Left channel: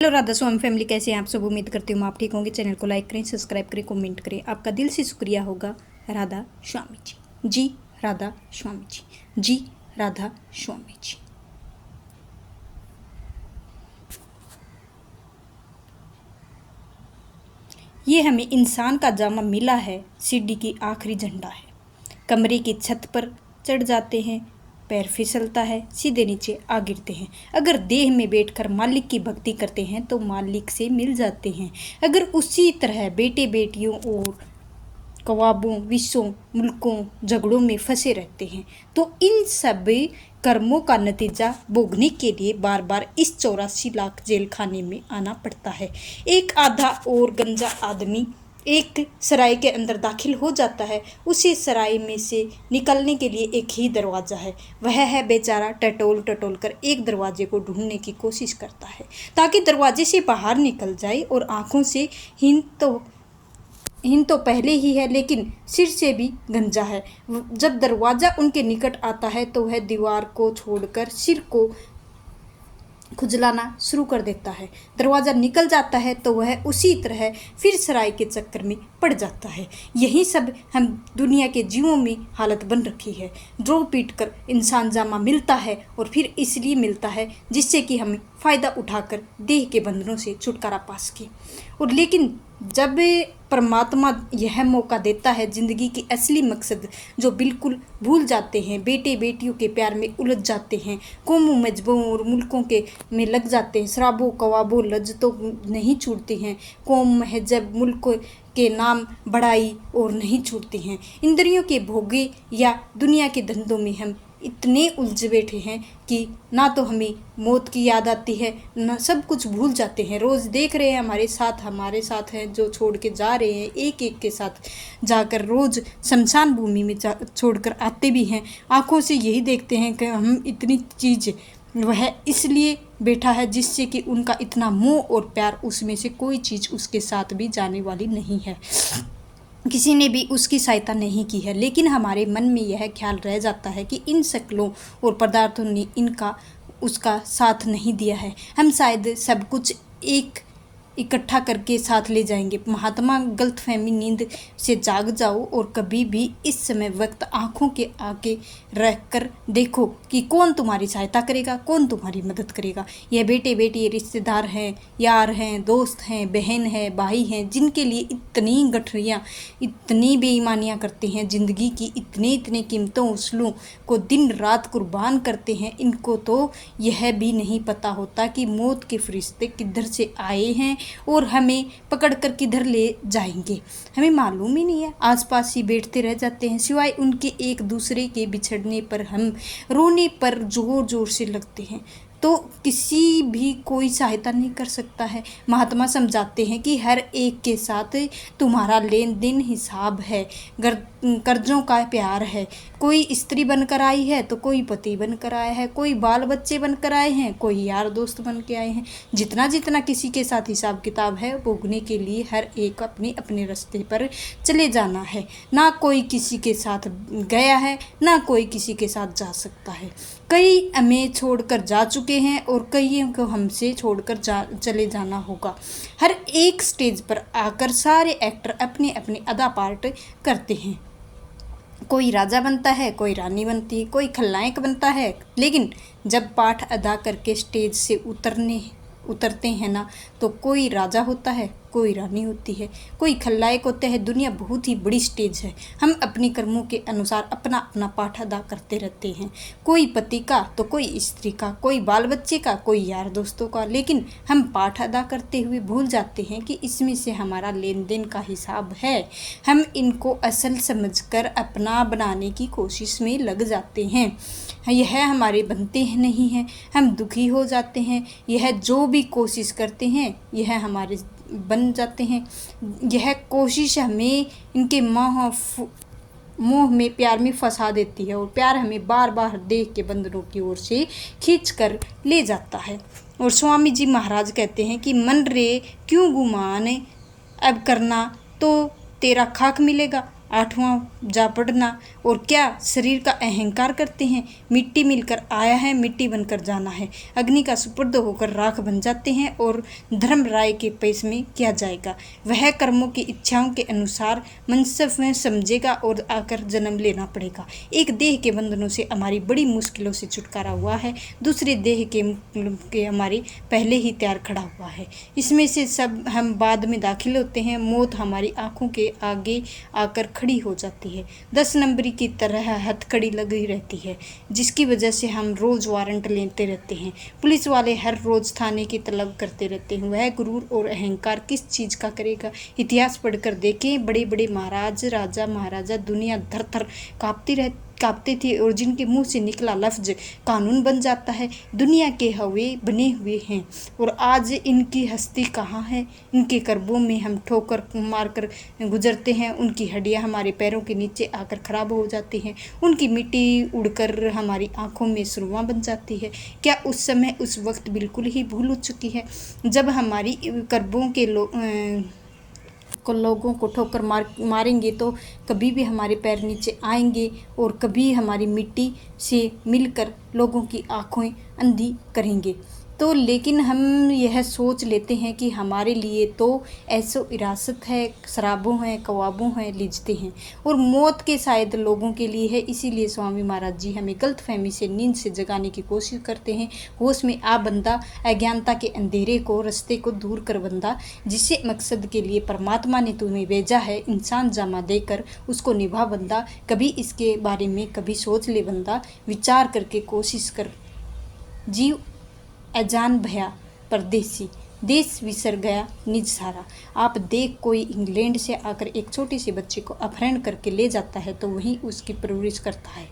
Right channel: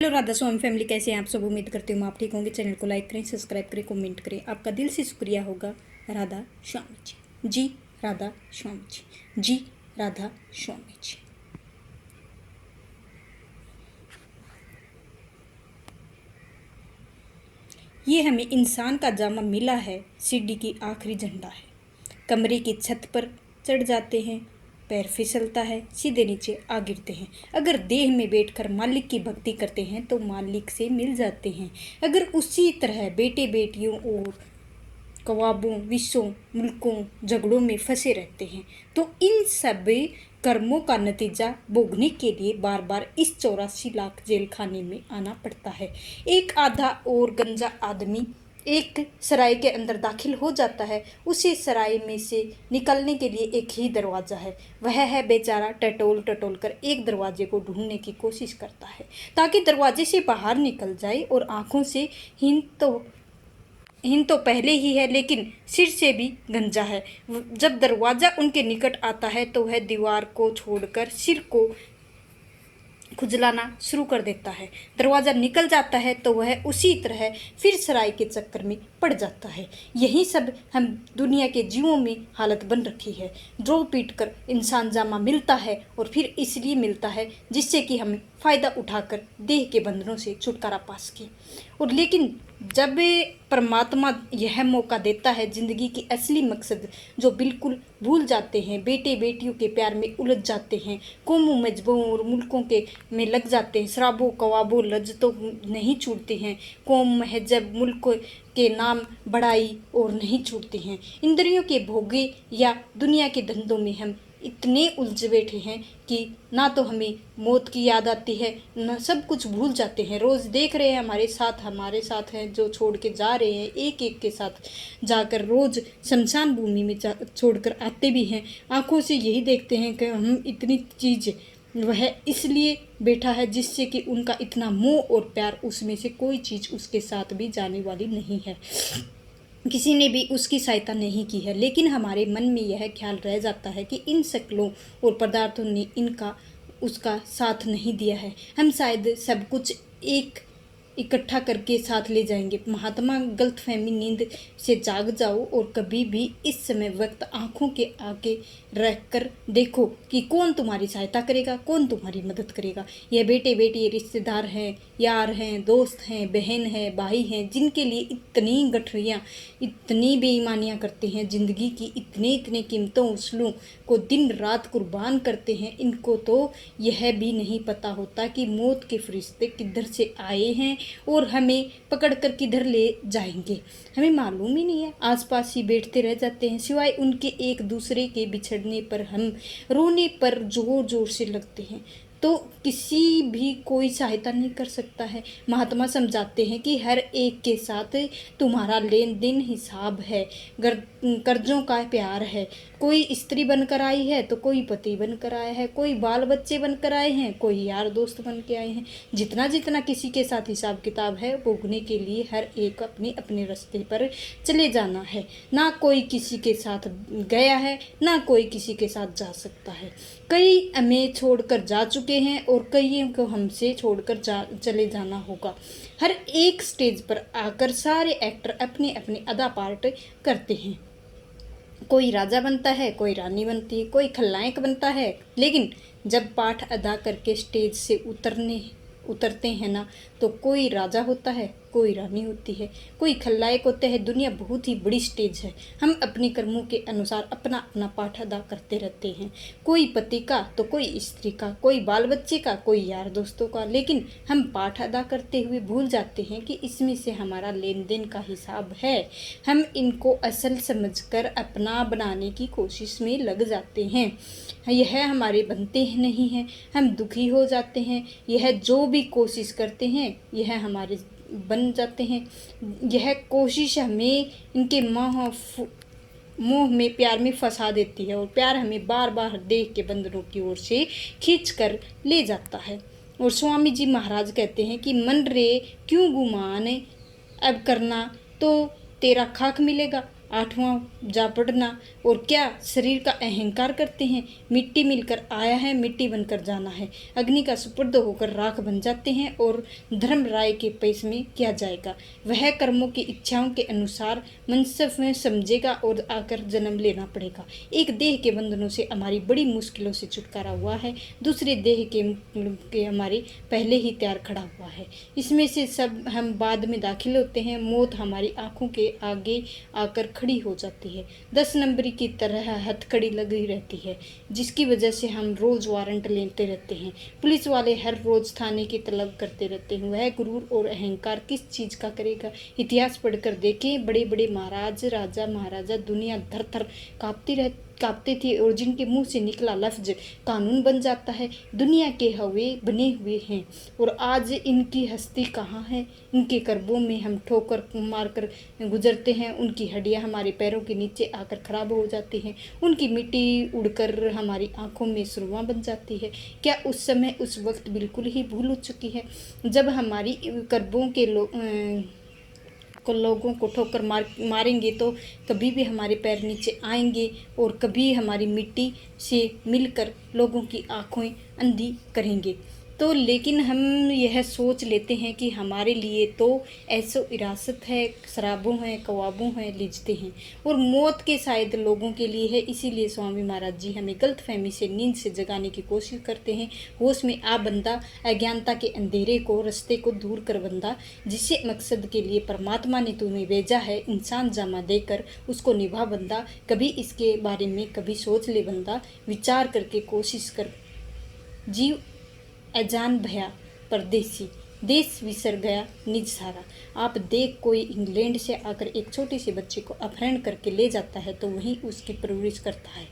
Hello Radha स्वामी family, कैसे हैं आप सब। उम्मीद करती हूँ आप ठीक होंगे। चैनल को लाइक करें, सब्सक्राइब करें, कमेंट करें। आपका दिल से शुक्रिया होगा। राधा स्वामी जी, जी राधा स्वामी जी, जी राधा स्वामी जी। ये हमें इंसान का जामा मिला है, सीढ़ी की आखिरी झंडा है। कमरे की छत पर चढ़ जाते हैं, पैर फिसलता है, सीधे नीचे आ गिरते हैं। अगर देह में बैठकर मालिक की भक्ति करते हैं तो मालिक से मिल जाते हैं। अगर उसी तरह बेटे बेटियों और कवाबों, विश्वों, मुल्कों, झगड़ों में फंसे रहते हैं तो इन सब कर्मों का नतीजा भोगने के लिए बार बार इस 84 लाख जेल खाने में आना पड़ता है। एक आधा और गंजा आदमी एक सराय के अंदर दाखिल हो जाता है। उसी सराय में से निकलने के लिए एक ही दरवाज़ा है। वह है बेचारा टटोल टटोल कर एक दरवाजे को ढूंढने की कोशिश करता है ताकि दरवाजे से बाहर निकल जाए। और आंखों से हीन तो पहले ही है, लेकिन सिर से भी गंजा है। जब दरवाज़ा उनके निकट आता है तो वह दीवार को छोड़कर सिर को खुजलाना शुरू कर देता है। दरवाज़ा निकल जाता है तो वह उसी तरह फिर सराय के चक्कर में पड़ जाता है। यही सब हम दुनिया के जीवों में हालत बन रखी है। ड्रो पीट कर इंसान जामा मिलता है और फिर इसलिए मिलता है जिससे कि हमें फ़ायदा उठाकर देह के बंधनों से छुटकारा पा सके। और लेकिन जब परमात्मा यह मौका देता है, ज़िंदगी की असली मकसद जो बिल्कुल भूल जाते हैं, बेटे बेटियों के प्यार में उलझ जाते हैं, कौमों मजहबों और मुल्कों के में लग जाते हैं, शराबों कवाबों लज्जतों नहीं छूटती हैं, कौम महजब मुल्क के नाम बड़ाई और नहीं छूटती हैं, इंद्रियों के भोगे या दुनिया के धंधों में हम इतने उलझ बैठे हैं कि ना तो हमें मौत की याद आती है, ना सब कुछ भूल जाते हैं। रोज़ देख रहे हैं हमारे साथ हैं जो छोड़ के जा रहे हैं, एक एक के साथ जाकर रोज़ शमशान भूमि में छोड़कर आते भी हैं। आँखों से यही देखते हैं कि हम इतनी चीज़ वह इसलिए बैठा है जिससे कि उनका इतना मोह और प्यार, उसमें से कोई चीज़ उसके साथ भी जाने वाली नहीं है, किसी ने भी उसकी सहायता नहीं की है। लेकिन हमारे मन में यह ख्याल रह जाता है कि इन शक्लों और पदार्थों ने इनका उसका साथ नहीं दिया है। हम शायद सब कुछ एक इकट्ठा करके साथ ले जाएंगे। महात्मा गलतफहमी नींद से जाग जाओ और कभी भी इस समय वक्त आंखों के आगे रख कर देखो कि कौन तुम्हारी सहायता करेगा, कौन तुम्हारी मदद करेगा। यह बेटे बेटी रिश्तेदार हैं, यार हैं, दोस्त हैं, बहन हैं, भाई हैं, जिनके लिए इतनी गठरियाँ, इतनी बेईमानियाँ करते हैं, ज़िंदगी की इतने इतने कीमतों उसूलों को दिन रात कुर्बान करते हैं। इनको तो यह भी नहीं पता होता कि मौत के फरिश्ते किधर से आए हैं और हमें पकड़ कर किधर ले जाएंगे, हमें मालूम ही नहीं है। आसपास ही बैठते रह जाते हैं, सिवाय उनके एक दूसरे के बिछड़ने पर हम रोने पर जोर जोर से लगते हैं तो किसी भी कोई सहायता नहीं कर सकता है। महात्मा समझाते हैं कि हर एक के साथ तुम्हारा लेन देन हिसाब है, कर्जों का प्यार है। कोई स्त्री बनकर आई है तो कोई पति बनकर आया है, कोई बाल बच्चे बनकर आए हैं, कोई यार दोस्त बन के आए हैं। जितना जितना किसी के साथ हिसाब किताब है, भोगने के लिए हर एक अपने अपने रास्ते पर चले जाना है। ना कोई किसी के साथ गया है, ना कोई किसी के साथ जा सकता है। कई हमें छोड़कर जा चुके हैं और कईयों को हमसे छोड़कर चले जाना होगा। हर एक स्टेज पर आकर सारे एक्टर अपने अपने अदा पार्ट करते हैं। कोई राजा बनता है, कोई रानी बनती है, कोई खलनायक बनता है। लेकिन जब पाठ अदा करके स्टेज से उतरते हैं ना, तो कोई राजा होता है, कोई रानी होती है, कोई खलनायक होते हैं। दुनिया बहुत ही बड़ी स्टेज है। हम अपने कर्मों के अनुसार अपना अपना पाठ अदा करते रहते हैं, कोई पति का तो कोई स्त्री का, कोई बाल बच्चे का, कोई यार दोस्तों का। लेकिन हम पाठ अदा करते हुए भूल जाते हैं कि इसमें से हमारा लेन देन का हिसाब है। हम इनको असल समझकर अपना बनाने की कोशिश में लग जाते हैं। यह हमारे बनते हैं नहीं हैं, हम दुखी हो जाते हैं। यह जो भी कोशिश करते हैं यह हमारे बन जाते हैं। यह कोशिश हमें इनके मोह में, प्यार में फंसा देती है और प्यार हमें बार बार देह के बंधनों की ओर से खींच कर ले जाता है। और स्वामी जी महाराज कहते हैं कि मन रे क्यों गुमान अब करना तो तेरा खाक मिलेगा। आठवां जा पड़ना। और क्या शरीर का अहंकार करते हैं। मिट्टी मिलकर आया है, मिट्टी बनकर जाना है। अग्नि का सुपुर्द होकर राख बन जाते हैं और धर्म राय के पेश में किया जाएगा। वह कर्मों की इच्छाओं के अनुसार मनसब में समझेगा और आकर जन्म लेना पड़ेगा। एक देह के बंधनों से हमारी बड़ी मुश्किलों से छुटकारा हुआ है, दूसरे देह के हमारे पहले ही तैयार खड़ा हुआ है। इसमें से सब हम बाद में दाखिल होते हैं। मौत हमारी आंखों के आगे आकर खड़ी हो जाती है, 10 नंबरी की तरह हथकड़ी लगी रहती है, जिसकी वजह से हम रोज वारंट लेते रहते हैं। पुलिस वाले हर रोज थाने की तलब करते रहते हैं। वह गुरूर और अहंकार किस चीज का करेगा। इतिहास पढ़कर देखें, बड़े बड़े महाराज, राजा, महाराजा दुनिया धर थर कांपते थे और जिनके मुंह से निकला लफ्ज कानून बन जाता है। दुनिया के हवे बने हुए हैं और आज इनकी हस्ती कहाँ है। इनके कर्बों में हम ठोकर मारकर गुजरते हैं, उनकी हड्डियां हमारे पैरों के नीचे आकर खराब हो जाती हैं, उनकी मिट्टी उड़कर हमारी आंखों में सुरवा बन जाती है। क्या उस समय, उस वक्त बिल्कुल ही भूल हो चुकी है जब हमारी कर्बों के लोगों को ठोकर मारेंगे तो कभी भी हमारे पैर नीचे आएंगे और कभी हमारी मिट्टी से मिलकर लोगों की आंखें अंधी करेंगे। तो लेकिन हम यह सोच लेते हैं कि हमारे लिए तो ऐसो इरासत है, शराबों हैं, कबाबों हैं, लिजते हैं और मौत के शायद लोगों के लिए है। इसीलिए स्वामी महाराज जी हमें गलतफहमी से, नींद से जगाने की कोशिश करते हैं। होश में आ बंदा, अज्ञानता के अंधेरे को, रास्ते को दूर कर बंदा, जिससे मकसद के लिए परमात्मा ने तुम्हें भेजा है, इंसान जामा देकर उसको निभा बंदा। कभी इसके बारे में कभी सोच ले बंदा, विचार करके कोशिश कर। जीव अजान भया परदेसी, देश विसर गया निज सारा। आप देख, कोई इंग्लैंड से आकर एक छोटे से बच्चे को अपहरण करके ले जाता है तो वहीं उसकी परवरिश करता है,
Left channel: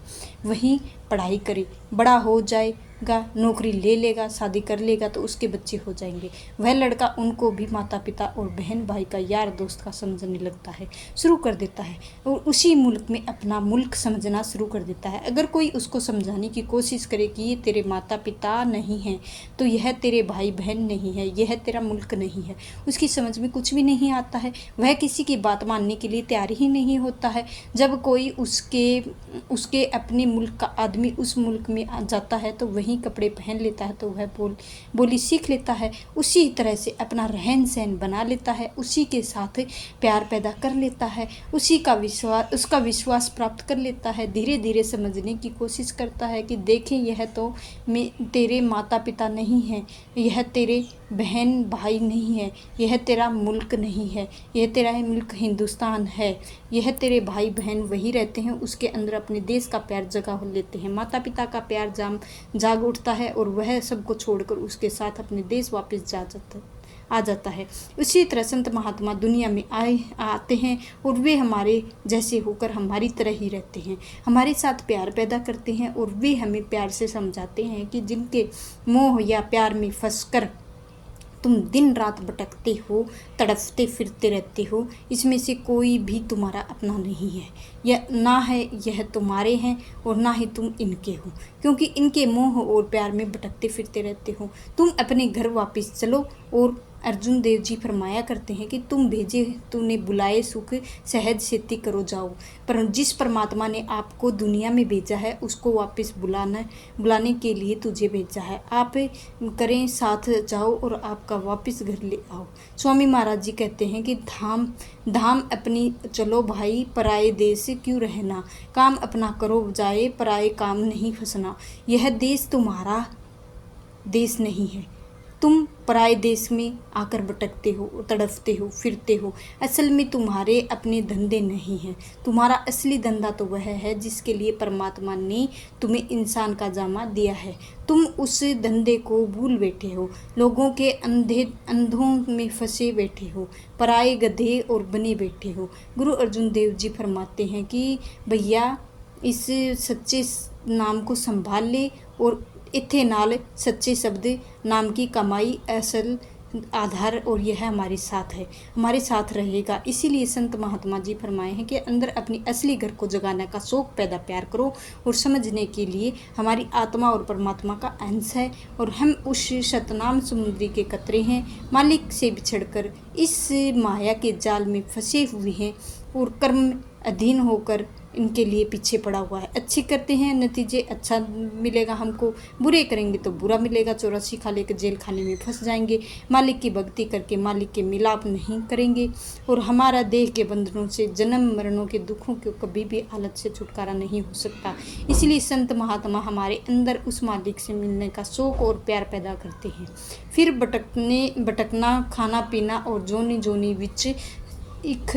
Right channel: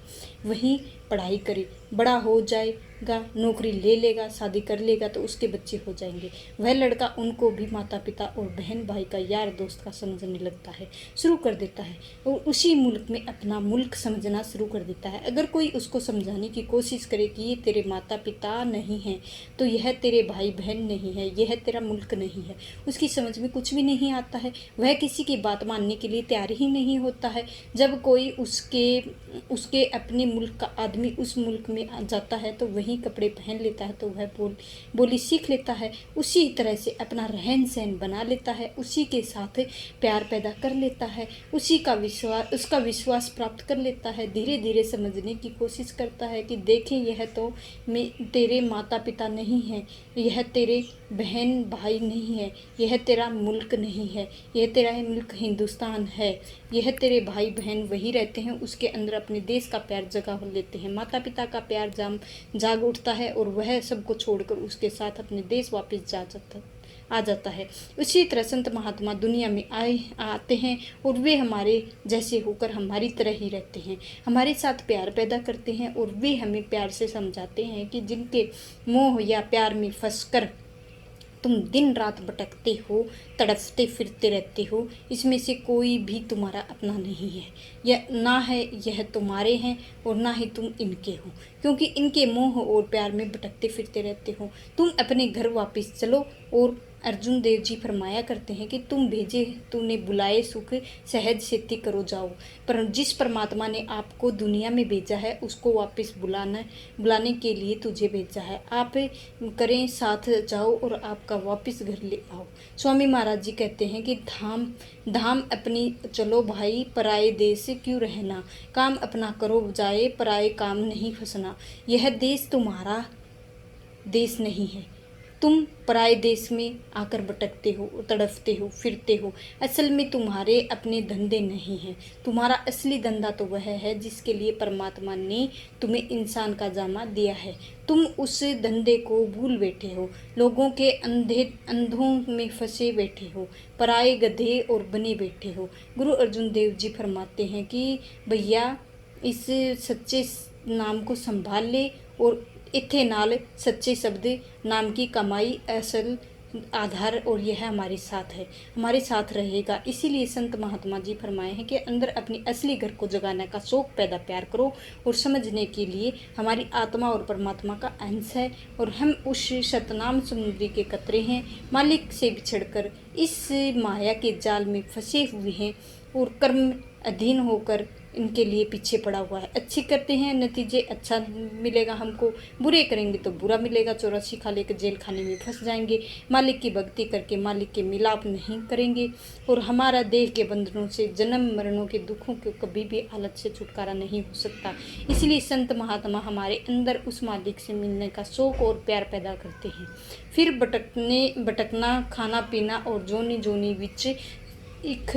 वहीं पढ़ाई करे, बड़ा हो जाएगा, नौकरी ले लेगा, शादी कर लेगा तो उसके बच्चे हो जाएंगे। वह लड़का उनको भी माता पिता और बहन भाई का, यार दोस्त का समझने लगता है, शुरू कर देता है और उसी मुल्क में अपना मुल्क समझना शुरू कर देता है। अगर कोई उसको समझाने की कोशिश करे कि ये तेरे माता पिता नहीं हैं, तो यह तेरे भाई बहन नहीं है, यह तेरा मुल्क नहीं है, उसकी समझ में कुछ भी नहीं आता है। वह किसी की बात मानने के लिए तैयार ही नहीं होता है। जब कोई उसके अपने मुल्क का आदमी उस मुल्क में आ जाता है तो वही कपड़े पहन लेता है, तो वह बोली सीख लेता है, उसी तरह से अपना रहन सहन बना लेता है, उसी के साथ प्यार पैदा कर लेता है, उसका विश्वास प्राप्त कर लेता है। धीरे धीरे समझने की कोशिश करता है कि देखें, यह तो तेरे माता पिता नहीं है, यह तेरे बहन भाई नहीं है, यह तेरा मुल्क नहीं है, यह तेरा मुल्क हिंदुस्तान है, यह तेरे भाई बहन वही रहते हैं, उसके अंदर अपने देश का प्यार जगा लेते हैं। माता पिता का प्यार जाग उठता है और वह सबको छोड़कर उसके साथ अपने देश वापस आ जाता है। उसी तरह संत महात्मा दुनिया में आते हैं और वे हमारे जैसे होकर हमारी तरह ही रहते हैं, हमारे साथ प्यार पैदा करते हैं और वे हमें प्यार से समझाते हैं कि जिनके मोह या प्यार में फंसकर तुम दिन रात भटकते हो, तड़पते फिरते रहते हो, इसमें से कोई भी तुम्हारा अपना नहीं है, यह ना है यह तुम्हारे हैं और ना ही तुम इनके हो, क्योंकि इनके मोह और प्यार में भटकते फिरते रहते हो। तुम अपने घर वापस चलो। और अर्जुन देव जी फरमाया करते हैं कि तुम भेजे तूने बुलाए सुख, सहज सेती करो जाओ। पर जिस परमात्मा ने आपको दुनिया में भेजा है उसको वापस बुलाने के लिए तुझे भेजा है। आप करें साथ जाओ और आपका वापस घर ले आओ। स्वामी महाराज जी कहते हैं कि धाम अपनी चलो भाई, पराए देश क्यों रहना, काम अपना करो जाए, पराए काम नहीं फंसना। यह देश तुम्हारा देश नहीं है, तुम पराए देश में आकर भटकते हो, तड़पते हो, फिरते हो। असल में तुम्हारे अपने धंधे नहीं हैं, तुम्हारा असली धंधा तो वह है जिसके लिए परमात्मा ने तुम्हें इंसान का जामा दिया है। तुम उस धंधे को भूल बैठे हो, लोगों के अंधों में फंसे बैठे हो, पराए गधे और बने बैठे हो। गुरु अर्जुन देव जी फरमाते हैं कि भैया इस सच्चे नाम को संभाल ले और इत्थे नाल सच्चे शब्द नाम की कमाई असल आधार और यह हमारे साथ है, हमारे साथ रहेगा। इसीलिए संत महात्मा जी फरमाए हैं कि अंदर अपनी असली घर को जगाने का शौक पैदा प्यार करो और समझने के लिए हमारी आत्मा और परमात्मा का अंश है और हम उस शतनाम समुद्री के कतरे हैं। मालिक से बिछड़कर इस माया के जाल में फंसे हुए हैं और कर्म अधीन होकर इनके लिए पीछे पड़ा हुआ है। अच्छी करते हैं नतीजे अच्छा मिलेगा हमको, बुरे करेंगे तो बुरा मिलेगा। 84 खा लेकर जेल खाने में फंस जाएंगे। मालिक की भक्ति करके मालिक के मिलाप नहीं करेंगे और हमारा देह के बंधनों से, जन्म मरणों के दुखों को कभी भी हालत से छुटकारा नहीं हो सकता। इसलिए संत महात्मा हमारे अंदर उस मालिक से मिलने का शौक और प्यार पैदा करते हैं। फिर भटकना, खाना पीना और जोनी जोनी विच इख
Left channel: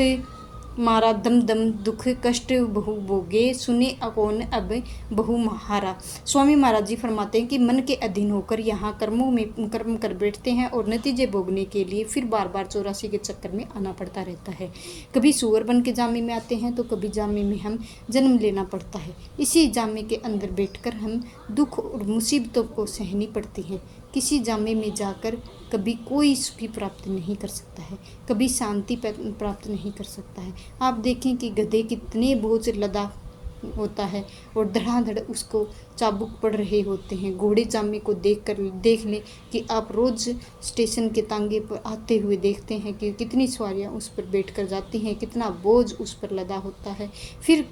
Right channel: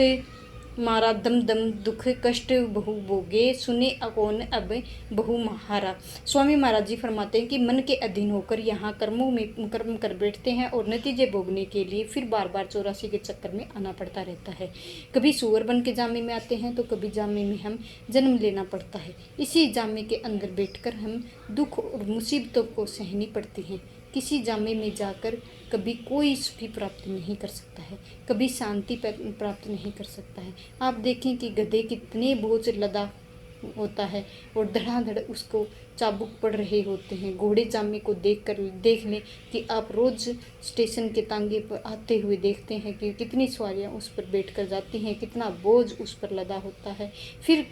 मारा दम दम दुख कष्ट बहु भोगे सुने अकौन अब बहु महारा। स्वामी महाराज जी फरमाते हैं कि मन के अधीन होकर यहाँ कर्म कर बैठते हैं और नतीजे भोगने के लिए फिर बार बार 84 के चक्कर में आना पड़ता रहता है। कभी सूअर बन के जामे में आते हैं तो कभी जामे में हम जन्म लेना पड़ता है। इसी जामे के अंदर बैठकर हम दुख और मुसीबतों को सहनी पड़ती है। किसी जामे में जाकर कभी कोई सुखी प्राप्त नहीं कर सकता है, कभी शांति प्राप्त नहीं कर सकता है। आप देखें कि गधे कितने बोझ लदा होता है और धड़ाधड़ उसको चाबुक पड़ रहे होते हैं। घोड़े जामे को देख लें कि आप रोज़ स्टेशन के तांगे पर आते हुए देखते हैं कि कितनी सवारियां उस पर बैठकर जाती हैं, कितना बोझ उस पर लदा होता है। फिर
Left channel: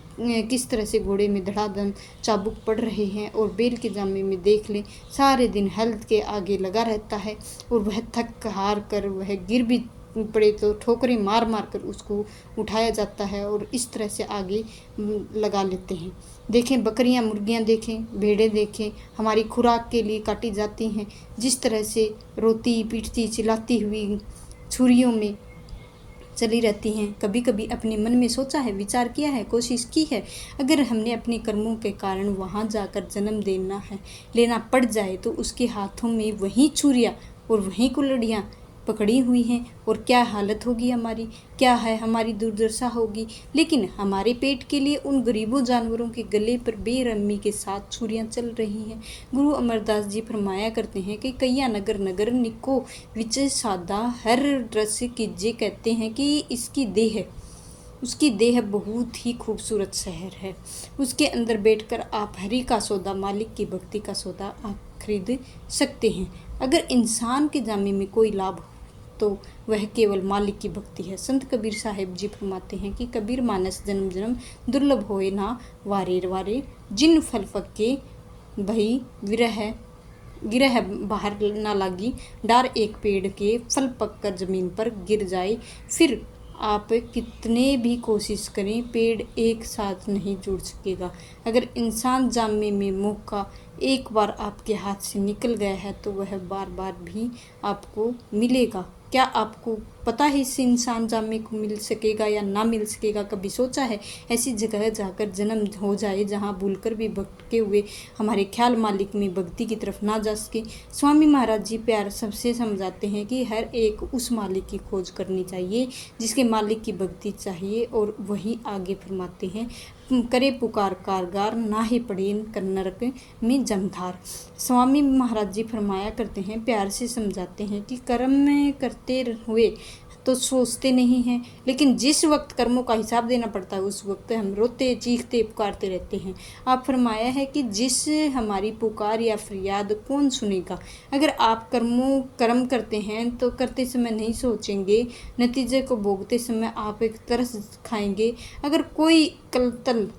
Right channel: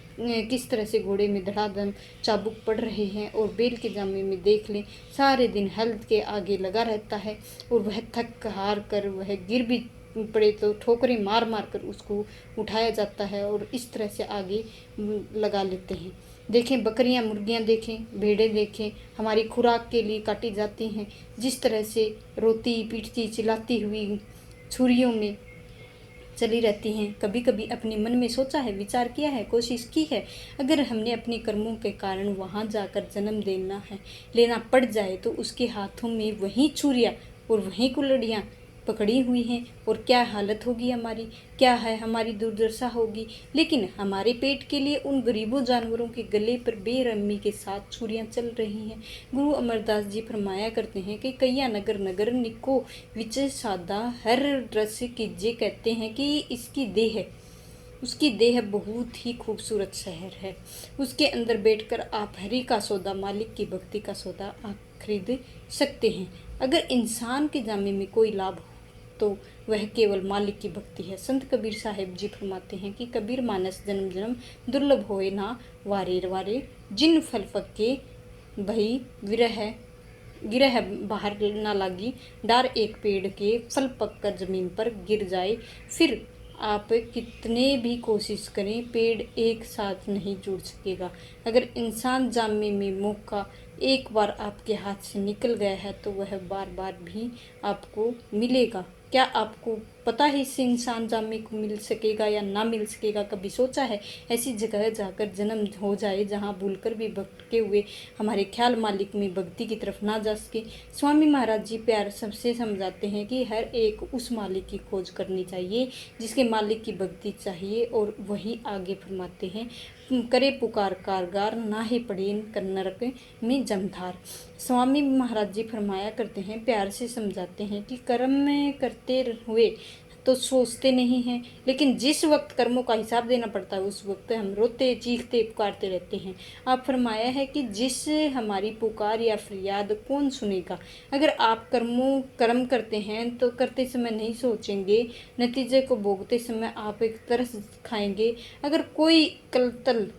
किस तरह से घोड़े में धड़ाधड़ चाबुक पड़ रहे हैं। और बैल के जामे में देख लें, सारे दिन हल के आगे लगा रहता है और वह थक हार कर वह गिर भी पड़े तो ठोकरें मार मार कर उसको उठाया जाता है और इस तरह से आगे लगा लेते हैं। देखें बकरियां, मुर्गियां देखें, भेड़ें देखें, हमारी खुराक के लिए काटी जाती हैं। जिस तरह से रोती पीटती चिल्लाती हुई छुरियों में चली रहती हैं। कभी कभी अपने मन में सोचा है, विचार किया है, कोशिश की है, अगर हमने अपने कर्मों के कारण वहाँ जाकर जन्म लेना पड़ जाए तो उसके हाथों में वही छुरियाँ और वही कुल्हाड़ियाँ पकड़ी हुई हैं और क्या हालत होगी हमारी, क्या है हमारी दुर्दशा होगी। लेकिन हमारे पेट के लिए उन गरीबों जानवरों के गले पर बेरहमी के साथ छुरियां चल रही हैं। गुरु अमरदास जी फरमाया करते हैं कि कैया नगर नगर निको विच सादा हर रस कीजे, कहते हैं कि उसकी देह बहुत ही खूबसूरत शहर है। उसके अंदर बैठकर आप हरि का सौदा, मालिक की भक्ति का सौदा आप खरीद सकते हैं। अगर इंसान के जामे में कोई लाभ तो वह केवल मालिक की भक्ति है। संत कबीर साहिब जी फरमाते हैं कि कबीर मानस जन्म जन्म दुर्लभ होए ना वारे वारे, जिन फल फक्के भई गिरह बाहर ना लागी, डार एक पेड़ के फल पककर जमीन पर गिर जाए। फिर आप कितने भी कोशिश करें, पेड़ एक साथ नहीं जुड़ सकेगा। अगर इंसान जामे में मौका एक बार आपके हाथ से निकल गया है तो वह बार बार भी आपको मिलेगा। क्या आपको पता है इससे इंसान जामे को मिल सकेगा या ना मिल सकेगा? कभी सोचा है ऐसी जगह जाकर जन्म हो जाए जहाँ भूलकर भी भटके हुए हमारे ख्याल मालिक में भक्ति की तरफ ना जा सके? स्वामी महाराज जी प्यार सबसे समझाते हैं कि हर एक उस मालिक की खोज करनी चाहिए जिसके मालिक की भक्ति चाहिए। और वहीं आगे फरमाते हैं, करे पुकार कारगार ना ही पड़े नरक में जमधार। स्वामी महाराज जी फरमाया करते हैं, प्यार से समझाते हैं कि कर्म में करते हुए तो सोचते नहीं हैं, लेकिन जिस वक्त कर्मों का हिसाब देना पड़ता है उस वक्त हम रोते चीखते पुकारते रहते हैं। आप फरमाया है कि जिस हमारी पुकार या फरियाद कौन सुनेगा? अगर आप कर्म करते हैं तो करते समय नहीं सोचेंगे, नतीजे को भोगते समय आप एक तरस खाएंगे। अगर कोई कत्ल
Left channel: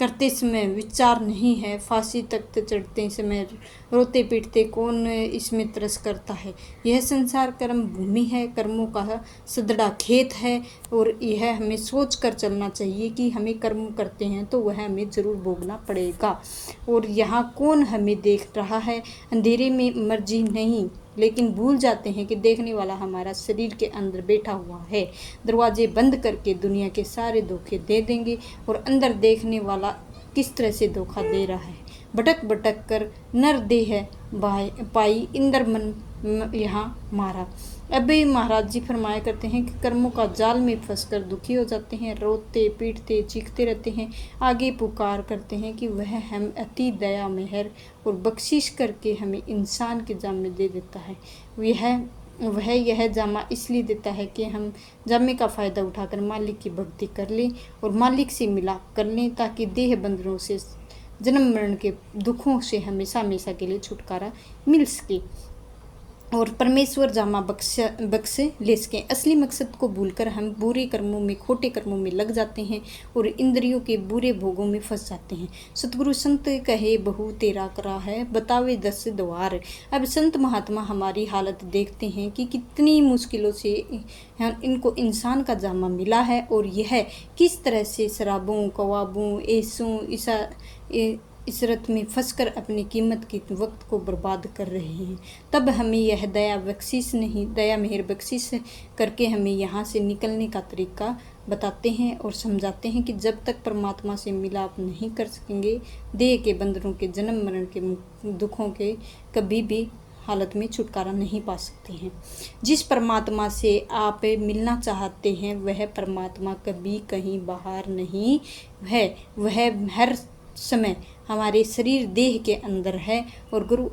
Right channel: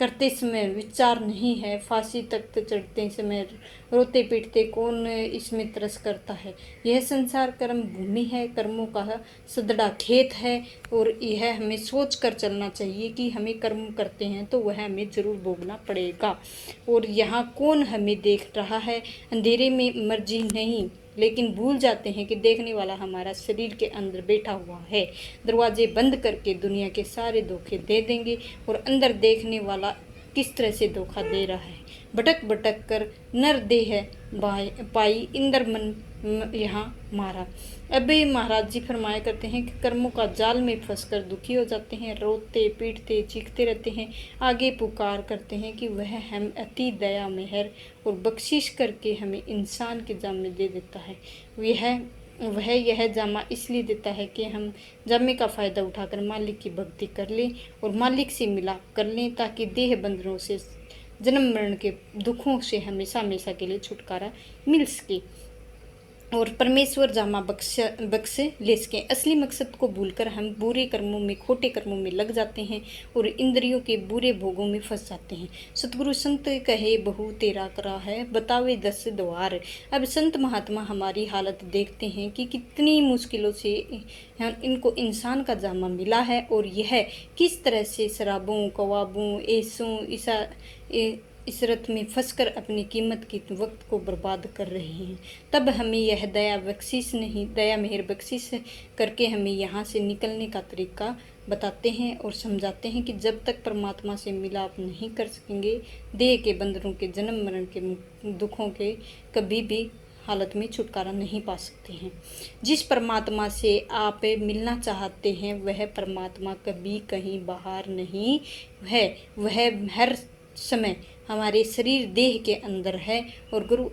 करते समय विचार नहीं है, फांसी तक चढ़ते समय रोते पीटते कौन इसमें तरस करता है? यह संसार कर्म भूमि है, कर्मों का सदड़ा खेत है और यह हमें सोच कर चलना चाहिए कि हमें कर्म करते हैं तो वह हमें जरूर भोगना पड़ेगा। और यहाँ कौन हमें देख रहा है? अंधेरे में मर्जी नहीं, लेकिन भूल जाते हैं कि देखने वाला हमारा शरीर के अंदर बैठा हुआ है। दरवाजे बंद करके दुनिया के सारे धोखे दे देंगे और अंदर देखने वाला किस तरह से धोखा दे रहा है। भटक भटक कर नर देह पाई, इंद्र मन यहाँ मारा। अभी महाराज जी फरमाया करते हैं कि कर्मों का जाल में फंसकर दुखी हो जाते हैं, रोते पीटते चीखते रहते हैं। आगे पुकार करते हैं कि वह हम अति दया मेहर और बख्शिश करके हमें इंसान के जाम में दे देता है। यह वह यह जामा इसलिए देता है कि हम जामे का फ़ायदा उठाकर मालिक की भक्ति कर लें और मालिक से मिलाप कर लें, ताकि देह बंधनों से, जन्म मरण के दुखों से हमेशा हमेशा के लिए छुटकारा मिल सके और परमेश्वर जामा बख्श ले सकें। असली मकसद को भूलकर हम बुरे कर्मों में, खोटे कर्मों में लग जाते हैं और इंद्रियों के बुरे भोगों में फंस जाते हैं। सतगुरु संत कहे बहु तेरा करा है, बतावे 10 द्वार। अब संत महात्मा हमारी हालत देखते हैं कि कितनी मुश्किलों से इनको इंसान का जामा मिला है और यह किस तरह से शराबों, कवाबों, ऐसों इसरत में फंसकर अपनी कीमत की वक्त को बर्बाद कर रहे हैं। तब हमें यह दया मेहर बख्शिश करके हमें यहाँ से निकलने का तरीका बताते हैं और समझाते हैं कि जब तक परमात्मा से मिलाप नहीं कर सकेंगे, देह के बंधनों के, जन्म मरण के दुखों के कभी भी हालत में छुटकारा नहीं पा सकते हैं। जिस परमात्मा से आप मिलना चाहते हैं वह परमात्मा कभी कहीं बाहर नहीं है, वह हर समय हमारे शरीर देह के अंदर है। और गुरु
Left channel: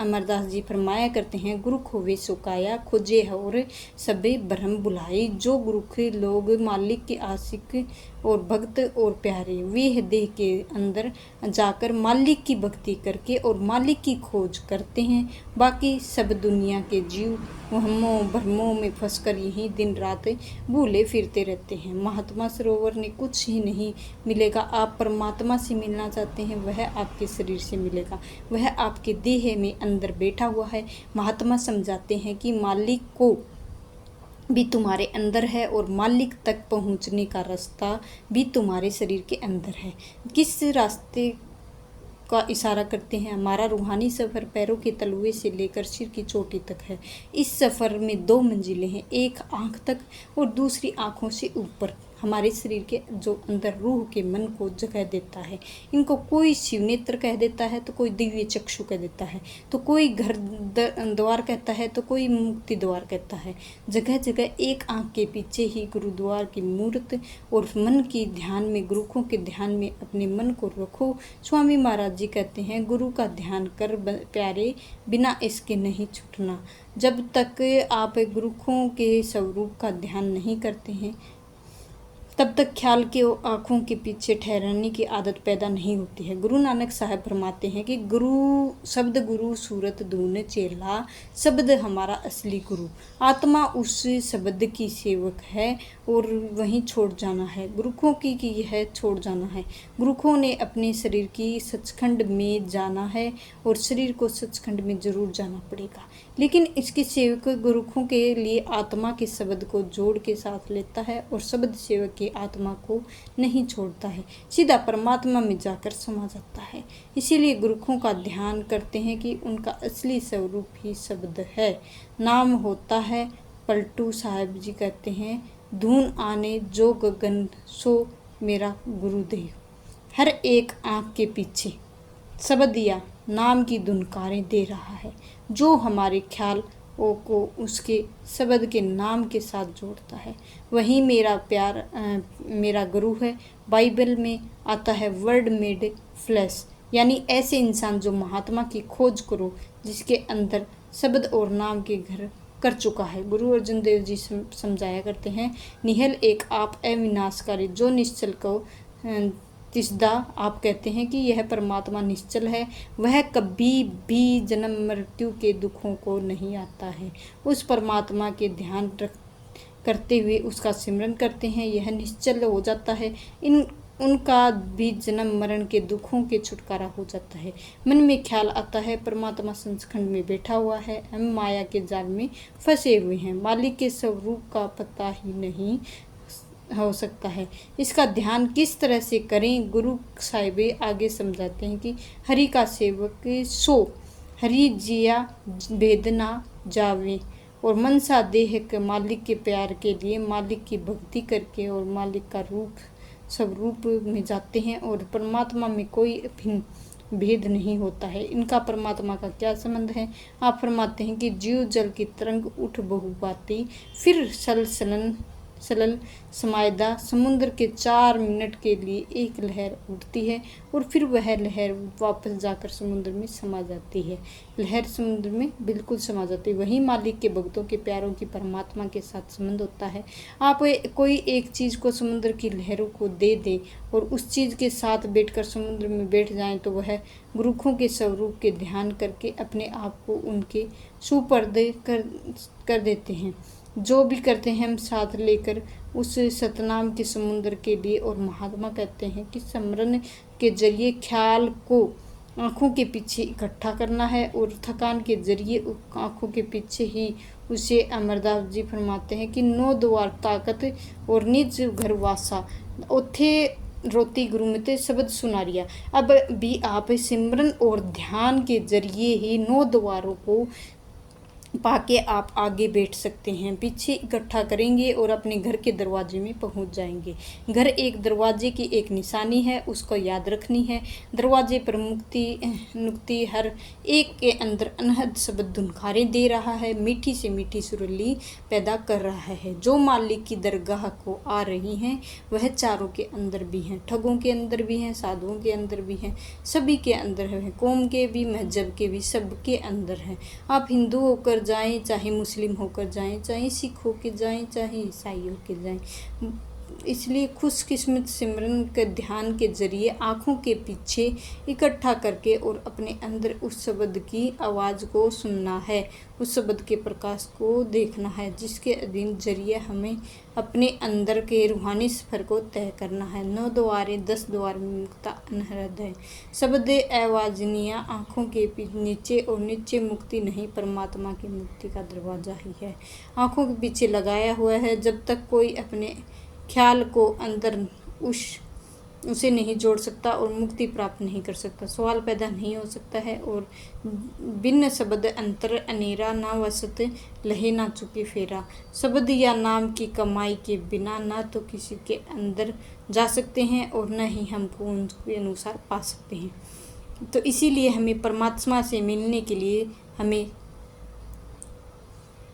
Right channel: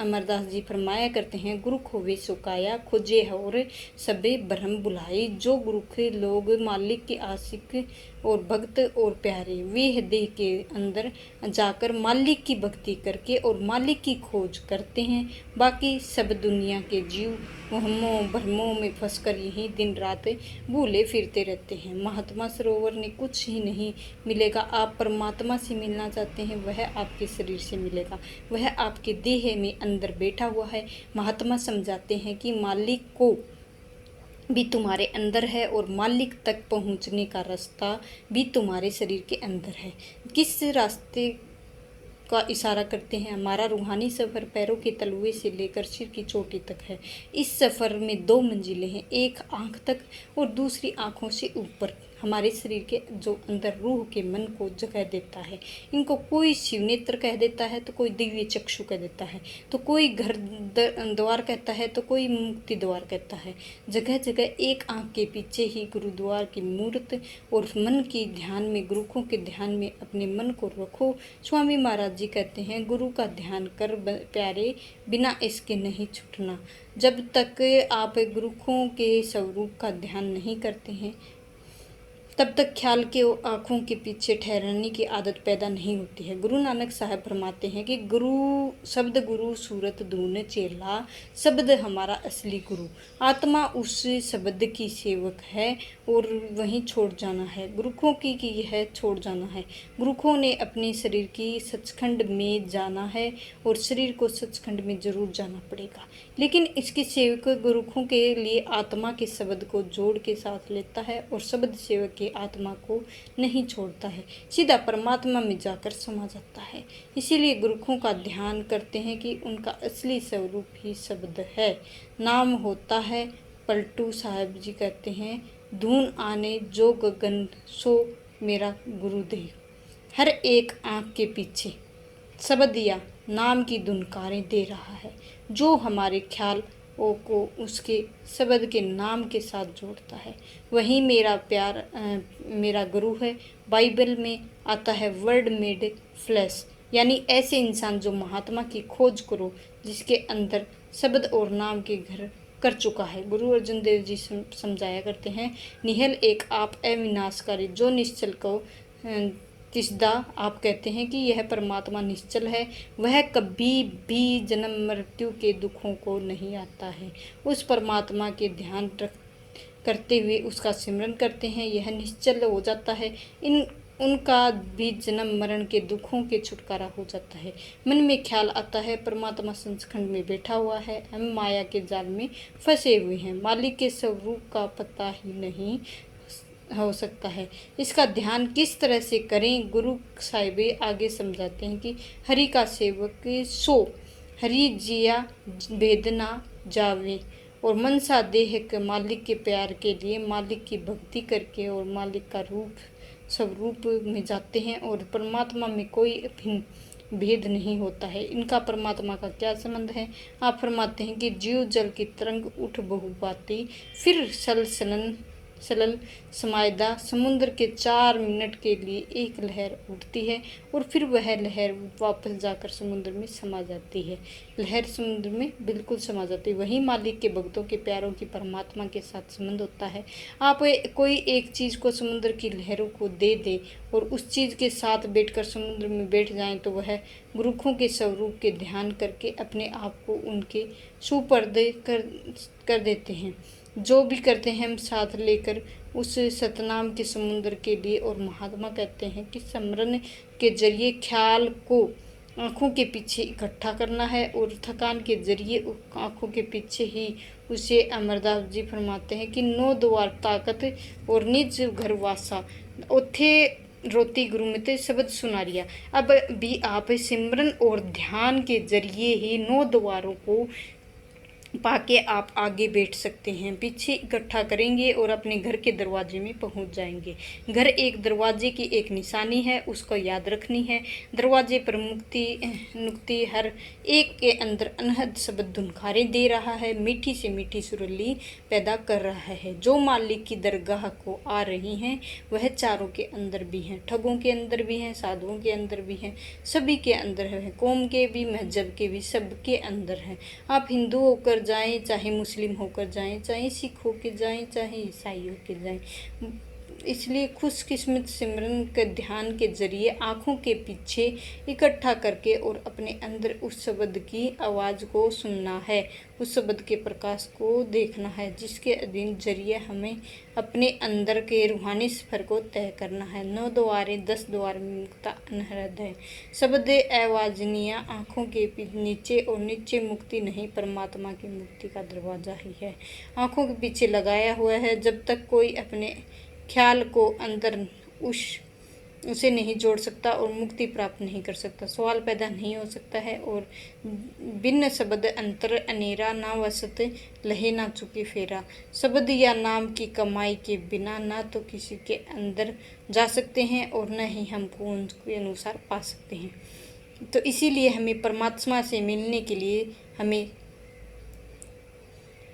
अमरदास जी फरमाया करते हैं, गुरु खोवे सुकाया, खोजे और सबे ब्रह्म बुलाई। जो गुरु के लोग मालिक के आशिक और भक्त और प्यारे, वे देह के अंदर जाकर मालिक की भक्ति करके और मालिक की खोज करते हैं। बाकी सब दुनिया के जीव वहमों भ्रमों में फंसकर यही दिन रात भूले फिरते रहते हैं। महात्मा सरोवर ने कुछ ही नहीं मिलेगा। आप परमात्मा से मिलना चाहते हैं, वह आपके शरीर से मिलेगा, वह आपके देह में अंदर बैठा हुआ है। महात्मा समझाते हैं कि मालिक को भी तुम्हारे अंदर है और मालिक तक पहुंचने का रास्ता भी तुम्हारे शरीर के अंदर है। किस रास्ते का इशारा करते हैं? हमारा रूहानी सफ़र पैरों के तलुए से लेकर सिर की चोटी तक है। इस सफ़र में 2 मंजिलें हैं, एक आँख तक और दूसरी आँखों से ऊपर। हमारे शरीर के जो अंदर रूह के मन को जगह देता है। इनको कोई शिव नेत्र कह देता है तो कोई दिव्य चक्षु कह देता है, तो कोई घर द्वार कहता है तो कोई मुक्ति द्वार कहता है। जगह जगह एक आँख के पीछे ही गुरुद्वार की मूर्त और मन की ध्यान में, गुरुखों के ध्यान में अपने मन को रखो। स्वामी महाराज जी कहते हैं, गुरु का ध्यान कर प्यारे, बिना इसके नहीं छूटना। जब तक आप गुरुखों के स्वरूप का ध्यान नहीं करते हैं, तब तक ख्याल के आँखों के पीछे ठहरने की आदत पैदा नहीं होती है। गुरु नानक साहब फरमाते हैं कि गुरु सूरत धून चेला, शब्द हमारा असली गुरु। आत्मा उस शब्द की सेवक है और वहीं छोड़ जाना है गुरुखों की यह छोड़ जाना है। गुरुखों ने अपने शरीर की सचखंड में जाना है और शरीर को सचखंड में जरूर जाना पड़ेगा, लेकिन इसके सेवक गुरुखों के लिए आत्मा के शब्द को जोड़ के साथ लेता है और शब्द सेवक की आत्मा को नहीं छोड़ता है, सीधा परमात्मा में जाकर समा जाता है। इसीलिए गुरुखों का ध्यान करते हैं कि उनका असली स्वरूप ही शब्द है, नाम होता है। पलटू साहब जी कहते हैं, धून आने जो गगन सो मेरा गुरुदेव। हर एक आँख के पीछे शब्द या नाम की धुनकारें दे रहा है, जो हमारे ख्याल को उसके शब्द के नाम के साथ जोड़ता है। वही मेरा गुरु है। बाइबल में आता है वर्ड मेड फ्लैश, यानी ऐसे इंसान जो महात्मा की खोज करो, जिसके अंदर शब्द और नाम के घर कर चुका है। गुरु अर्जुन देव जी समझाया करते हैं, निहल एक आप अविनाशकारी, जो निश्चल को तिसदा। आप कहते हैं कि यह परमात्मा निश्चल है, वह कभी भी जन्म मृत्यु के दुखों को नहीं आता है। उस परमात्मा के ध्यान करते हुए उसका सिमरन करते हैं, यह निश्चल हो जाता है। उनका भी जन्म मरण के दुखों के छुटकारा हो जाता है। मन में ख्याल आता है, परमात्मा सचखंड में बैठा हुआ है, हम माया के जाल में फंसे हुए हैं, मालिक के स्वरूप का पता ही नहीं हो सकता है। इसका ध्यान किस तरह से करें? गुरु साहिबे आगे समझाते हैं कि हरि का सेवक सो हरि जिया भेदना जावे, और मनसा देह के मालिक के प्यार के लिए मालिक की भक्ति करके और मालिक का स्वरूप में जाते हैं और परमात्मा में कोई अभिन्न भेद नहीं होता है। इनका परमात्मा का क्या संबंध है? आप फरमाते हैं कि जीव जल की तरंग उठ बहु बाती, फिर सरल समायदा समुद्र के 4 मिनट के लिए एक लहर उठती है और फिर वह लहर वापस जाकर समुद्र में समा जाती है। लहर समुद्र में बिल्कुल समा जाती है। वही मालिक के भक्तों के प्यारों की परमात्मा के साथ संबंध होता है। आप कोई एक चीज़ को समुद्र की लहरों को दे दे और उस चीज़ के साथ बैठकर समुद्र में बैठ जाएं तो वह गुरुखों के स्वरूप के ध्यान करके अपने आप को उनके सुपर्दे कर देते हैं। जो भी करते हैं हम साथ लेकर उस सतनाम के समुद्र के लिए। और महात्मा कहते हैं कि स्मरण के जरिए ख्याल को आँखों के पीछे इकट्ठा करना है और थकान के जरिए आँखों के पीछे ही उसे। अमरदास जी फरमाते हैं कि 9 द्वार ताकत और निज घर वासा ओथे रोती गुरुमते शब्द सुनारिया। अब भी आप सिमरन और ध्यान के जरिए ही 9 द्वारों को पाके आप आगे बैठ सकते हैं। पीछे इकट्ठा करेंगे और अपने घर के दरवाजे में पहुंच जाएंगे। घर एक दरवाजे की एक निशानी है, उसको याद रखनी है। दरवाजे पर नुक्ति हर एक के अंदर अनहद शब्द धुनखारें दे रहा है, मीठी से मीठी सुरीली पैदा कर रहा है। जो मालिक की दरगाह को आ रही हैं वह चारों के अंदर भी हैं, ठगों के अंदर भी हैं, साधुओं के अंदर भी हैं, सभी के अंदर है, कौम के भी, मजहब के भी, सबके अंदर हैं। आप हिंदू होकर जाएं, चाहे मुस्लिम होकर जाएं, चाहे सिख होकर जाएं, चाहे ईसाई होकर जाएं। इसलिए खुशकिस्मत सिमरन के ध्यान के जरिए आँखों के पीछे इकट्ठा करके और अपने अंदर उस शब्द की आवाज़ को सुनना है, उस शब्द के प्रकाश को देखना है, जिसके अधीन जरिए हमें अपने अंदर के रूहानी सफर को तय करना है। 9 द्वारे 10 द्वार में मुक्ता अनहद है। शब्द आवाजनिया आँखों के नीचे और नीचे मुक्ति नहीं, परमात्मा की मुक्ति का दरवाजा ही है। आँखों के पीछे लगाया हुआ है। जब तक कोई अपने ख्याल को अंदर उसे नहीं जोड़ सकता और मुक्ति प्राप्त नहीं कर सकता, सवाल पैदा नहीं हो सकता है। और बिन शब्द अंतर अनेरा ना वसत लहे ना चुके फेरा। शब्द या नाम की कमाई के बिना ना तो किसी के अंदर जा सकते हैं और न ही हमको उनके अनुसार पा सकते हैं। तो इसीलिए हमें परमात्मा से मिलने के लिए हमें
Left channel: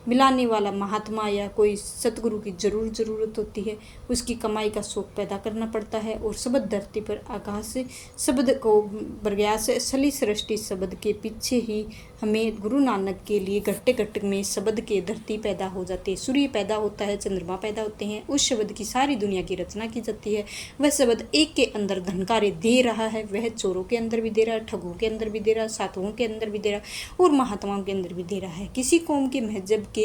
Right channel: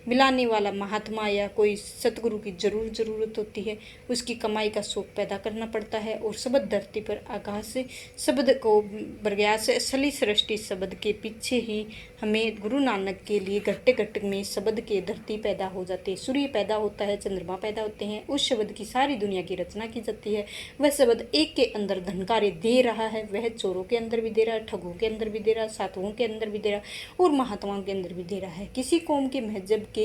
मिलाने वाला महात्मा या कोई सतगुरु की ज़रूरत होती है। उसकी कमाई का शौक पैदा करना पड़ता है। और शब्द धरती पर आकाश से शब्द को बरग्यास असली सृष्टि शब्द के पीछे ही हमें गुरु नानक के लिए घट्टे घट्ट में शब्द के धरती पैदा हो जाती है, सूर्य पैदा होता है, चंद्रमा पैदा होते हैं। उस शब्द की सारी दुनिया की रचना की जाती है। वह शब्द एक के अंदर धनकारे दे रहा है, वह चोरों के अंदर भी दे रहा है, ठगों के अंदर भी दे रहा है, साधुओं के अंदर भी दे रहा है और महात्माओं के अंदर भी दे रहा है। किसी कौम के मजहब के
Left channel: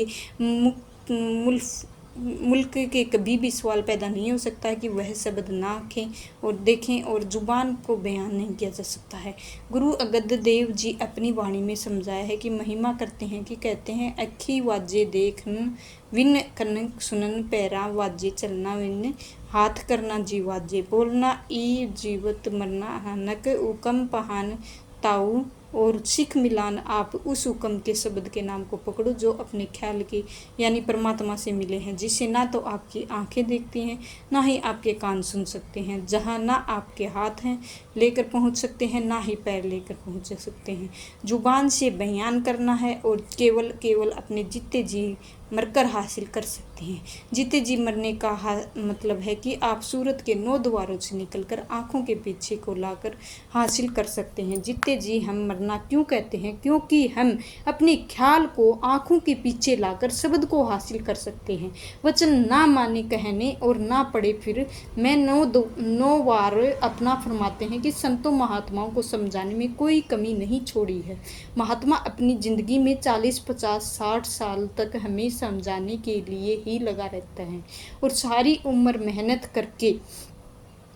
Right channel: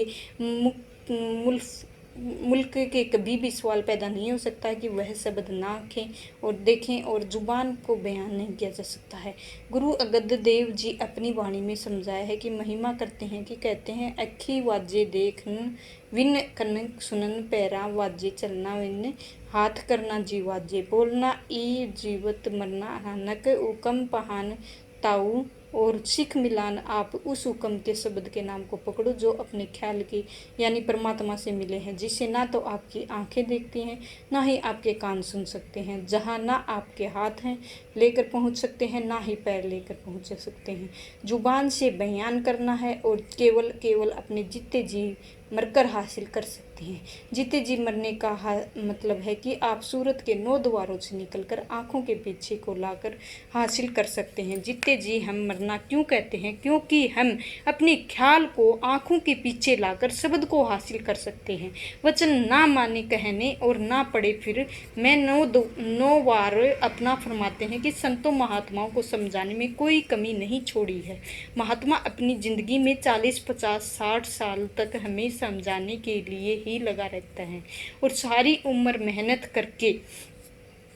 मुल्क के कभी भी सवाल पैदा नहीं हो सकता है कि वह शब्द ना आँखें और देखें और जुबान को बयान नहीं किया जा सकता है। गुरु अंगद देव जी अपनी वाणी में समझाया है कि महिमा करते हैं कि कहते हैं अखी वाजे देखन विन कन सुनन पैरा वाजे चलना विन हाथ करना जी वाजे बोलना ई जीवत मरना हनक उकम पहान ताऊ और सिख मिलान। आप उस हुक्म के शब्द के नाम को पकड़ो जो अपने ख्याल की यानी परमात्मा से मिले हैं, जिसे ना तो आपकी आंखें देखती हैं ना ही आपके कान सुन सकते हैं, जहाँ ना आपके हाथ हैं लेकर पहुँच सकते हैं ना ही पैर लेकर पहुँच सकते हैं। जुबान से बयान करना है और केवल अपने जीते जी मरकर हासिल कर सकते हैं। जीते जी मरने का मतलब है कि आप सूरत के 9 द्वारों से निकलकर आँखों के पीछे को लाकर हासिल कर सकते हैं। जीते जी हम मरना क्यों कहते हैं? क्योंकि हम अपने ख्याल को आँखों के पीछे लाकर शब्द को हासिल कर सकते हैं। वचन ना माने कहने और ना पढ़े फिर मैं 9 बार अपना फरमाते हैं कि संतों महात्माओं को समझाने में कोई कमी नहीं छोड़ी है। महात्मा अपनी ज़िंदगी में 40, 50, 60 साल तक हमें समझाने के लिए ही लगा रहता है और सारी उम्र मेहनत करके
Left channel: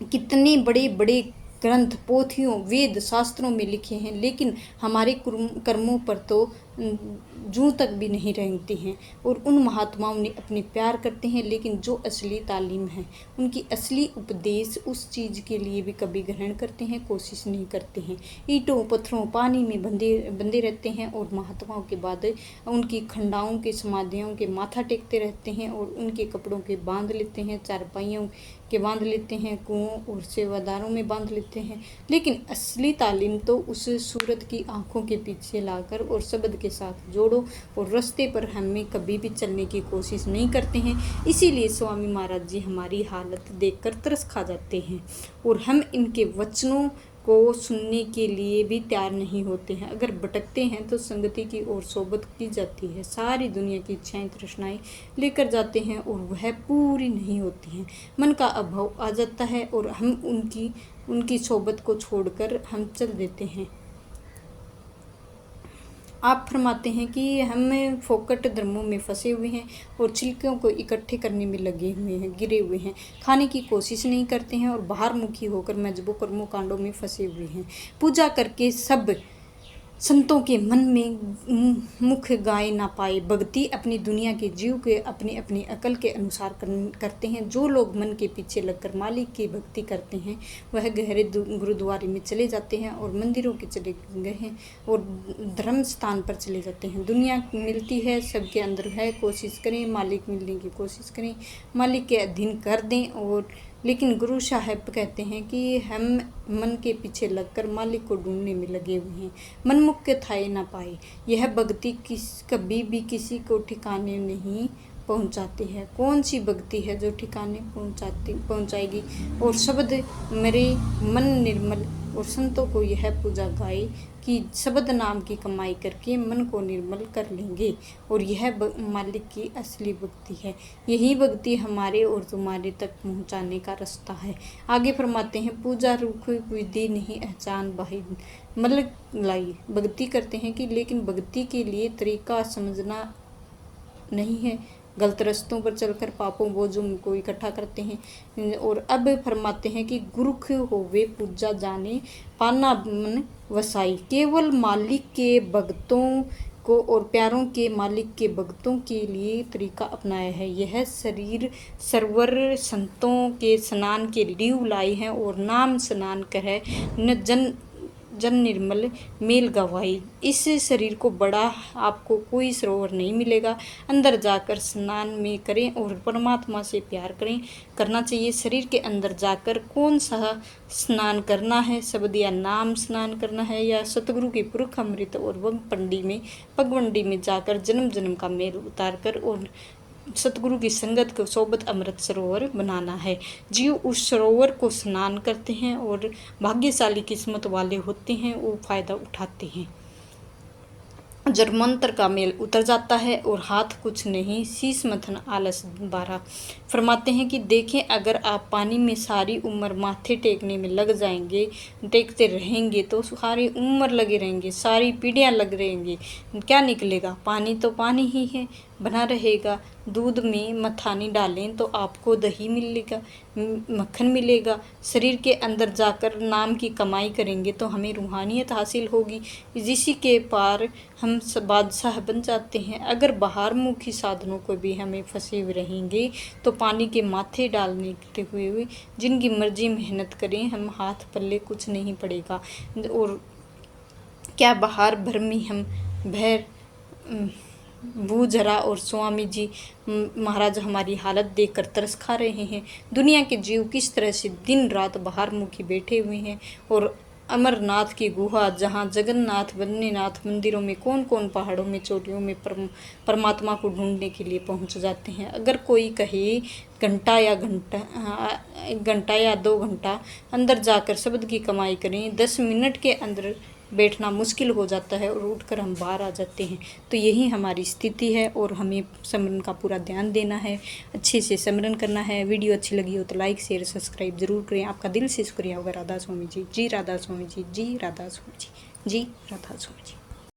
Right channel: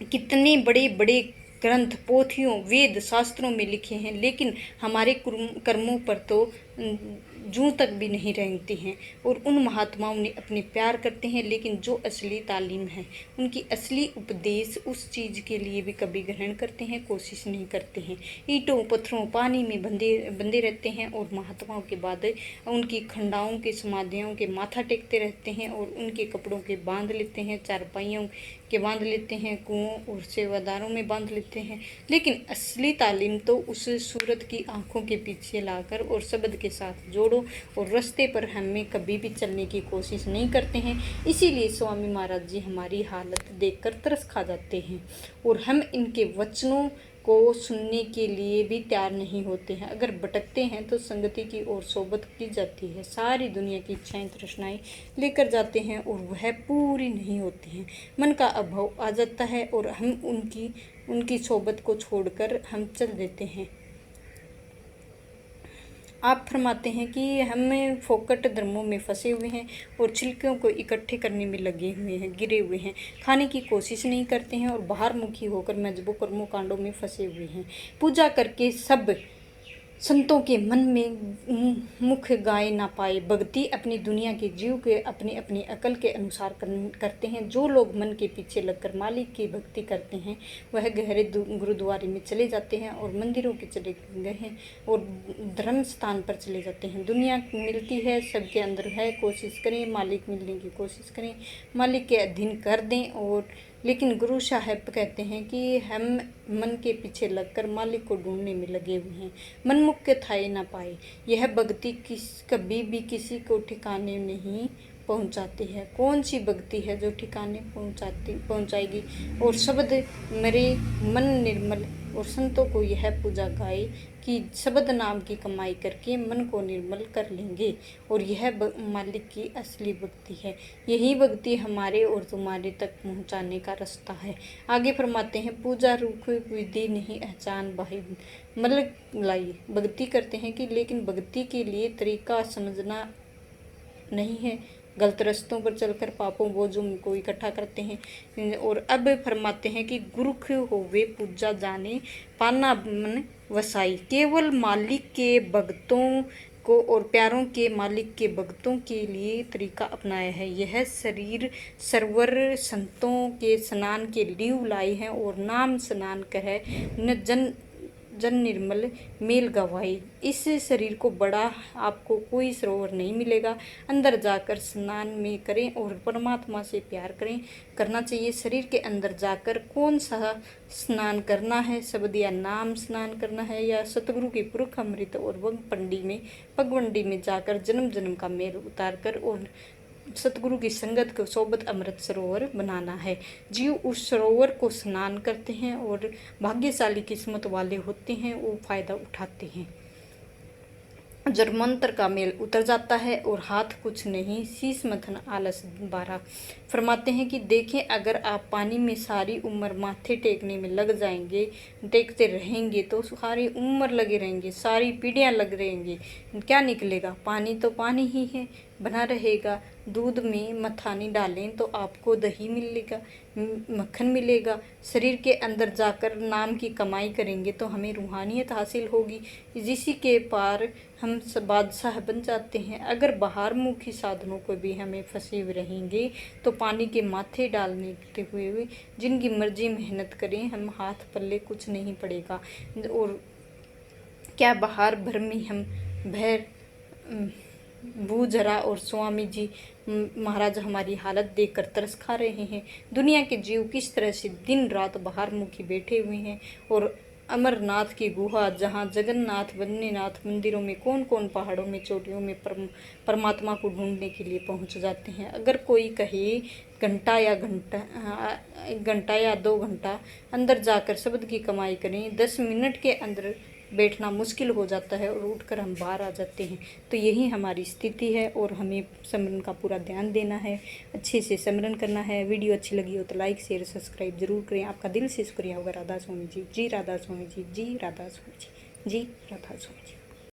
कितने बड़े बड़े ग्रंथ, पोथियों, वेद, शास्त्रों में लिखे हैं, लेकिन हमारे कर्मों पर तो जूं तक भी नहीं रेंगते हैं। और उन महात्माओं ने अपने प्यार करते हैं, लेकिन जो असली तालीम है, उनकी असली उपदेश उस चीज़ के लिए भी कभी ग्रहण करते हैं, कोशिश नहीं करते हैं। ईंटों, पत्थरों, पानी में बंधे रहते हैं और महात्माओं के बाद उनकी खंडाओं के समाधियों के माथा टेकते रहते हैं और उनके कपड़ों के बांध लेते हैं, चारपाइयों के बांध लेते हैं, कुओं और सेवादारों में बांध लेते हैं। लेकिन असली तालीम तो उस सूरत की आँखों के पीछे लाकर और शब्द के के साथ जोड़ो और रास्ते पर हमें कभी भी चलने की कोशिश नहीं करते हैं। इसीलिए स्वामी महाराज जी हमारी हालत देखकर तरस खा जाते हैं और हम इनके वचनों को सुनने के लिए भी तैयार नहीं होते हैं। अगर भटकते हैं तो संगति की ओर सोबत की जाती है, सारी दुनिया की इच्छाएं तृष्णाएं लेकर जाते हैं और वह पूरी नहीं होती हैं। मन का अभाव आ जाता है और हम उनकी सोबत को छोड़कर हम चल देते हैं। आप फरमाते हैं कि हम फोकट धर्मों में फंसे हुए हैं और छिलकों को इकट्ठे करने में लगे हुए हैं, गिरे हुए हैं, खाने की कोशिश नहीं करते हैं और बाहर मुखी होकर मजबूर कर्मों कांडों में फंसे हुए हैं। पूजा करके सब संतों के मन में मुख गाए ना पाए। भक्ति अपनी दुनिया के जीव के अपनी अपनी अकल के अनुसार करते हैं। जो लोग मन के पीछे लगकर मालिक की भक्ति करते हैं वह गहरे गुरुद्वारे में चले जाते हैं और मंदिरों के चले गए हैं और धर्म स्थान पर चले जाते हैं। दुनिया मिलती है, सबके अंदर है, कोशिश करें, मालिक मिलने की कोशिश करें, मालिक के अधीन कर दें। और लेकिन गुरु साहब कहते हैं कि हम मन के पीछे लगकर मालिक को ढूंढने में लगे हुए हैं, मनमुख के थाए ना पाए। यह भक्ति कभी भी किसी को ठिकाने नहीं पहुंचाती है। कौन सी भक्ति है जो ठिकाने पहुंचाएगी? और शब्द मेरे मन निर्मल और संतों को यह पूजा गाए कि शब्द नाम की कमाई करके मन को निर्मल कर लेंगे और यह मालिक की असली भक्ति है। यही भक्ति हमारे और तुम्हारे तक पहुंचाने का रास्ता है। आगे फरमाते हैं, पूजा रूप विधि नहीं पहचान बाही मतलब लाई। भक्ति करते हैं कि लेकिन भक्ति के लिए तरीका समझना नहीं है, गलत रास्तों पर चलकर पापों बोझों को इकट्ठा करते हैं। और अब फरमाते हैं कि गुरुख होवे पूजा जाने पाना मन वसाई। केवल मालिक के भक्तों को और प्यारों के मालिक के भक्तों के लिए तरीका अपनाया है। यह शरीर सरवर संतों के स्नान के लीव लाई है और नाम स्नान कहे न जन निर्मल मेल गवाई। इस शरीर को बड़ा आपको कोई सरोवर नहीं मिलेगा। अंदर जाकर स्नान में करें और परमात्मा से प्यार करना चाहिए। शरीर के अंदर जाकर कौन सा स्नान करना है, शब्द या नाम स्नान करना है या सतगुरु की पुरख अमृत और पगवंडी में जाकर जन्म जन्म का मेल उतार कर और सतगुरु की संगत को सोबत अमृत सरोवर बनाना है। जीव उस सरोवर को स्नान करते हैं और भाग्यशाली किस्मत वाले होते हैं, वो फायदा उठाते हैं। जब मंत्र का मेल उतर जाता है और हाथ कुछ नहीं, शीश मथन आलस बारा। फरमाते हैं कि देखें, अगर आप पानी में सारी उम्र माथे टेकने में लग जाएंगे, टेकते रहेंगे तो सारी उम्र लगे रहेंगे, सारी पीढ़ियां लग रहेंगी, क्या निकलेगा? पानी तो पानी ही है, बना रहेगा। दूध में मथानी डालें तो आपको दही मिलेगा, मक्खन मिलेगा। शरीर के अंदर जाकर नाम की कमाई करेंगे तो हमें रूहानियत हासिल होगी, जिसी के पार हम बादशाह बन जाते हैं। अगर बाहर मुखी साधनों को भी हमें फंसे हुए रहेंगे तो पानी के माथे डालने हुए जिनकी मर्जी मेहनत करें, हम हाथ पल्ले कुछ नहीं पड़ेगा। और क्या बाहर भर में हम भैर भूजरा और स्वामी जी महाराज हमारी हालत देखकर तरस खा रहे हैं। दुनिया के जीव किस तरह से दिन रात बाहर मुखी बैठे हुए हैं और अमरनाथ की गुहा, जहाँ जगन्नाथ बद्रीनाथ मंदिरों में, कौन कौन पहाड़ों में, चोटियों में परमात्मा को ढूंढने के लिए पहुंच जाते हैं। अगर कोई कहे घंटा या 2 घंटा अंदर जाकर शब्द की कमाई करें, 10 मिनट के अंदर बैठना मुश्किल हो जाता है और उठकर हम बाहर आ जाते हैं। तो यही हमारी स्थिति है और हमें सिमरन का पूरा ध्यान देना है, अच्छे से सिमरन करना है। वीडियो अच्छी लगी हो तो लाइक शेयर सब्सक्राइब जरूर करें। आपका दिल से शुक्रिया होगा। राधा स्वामी जी, जी राधा स्वामी जी, जी राधा स्वामी जी, जी राधा स्वामी जी।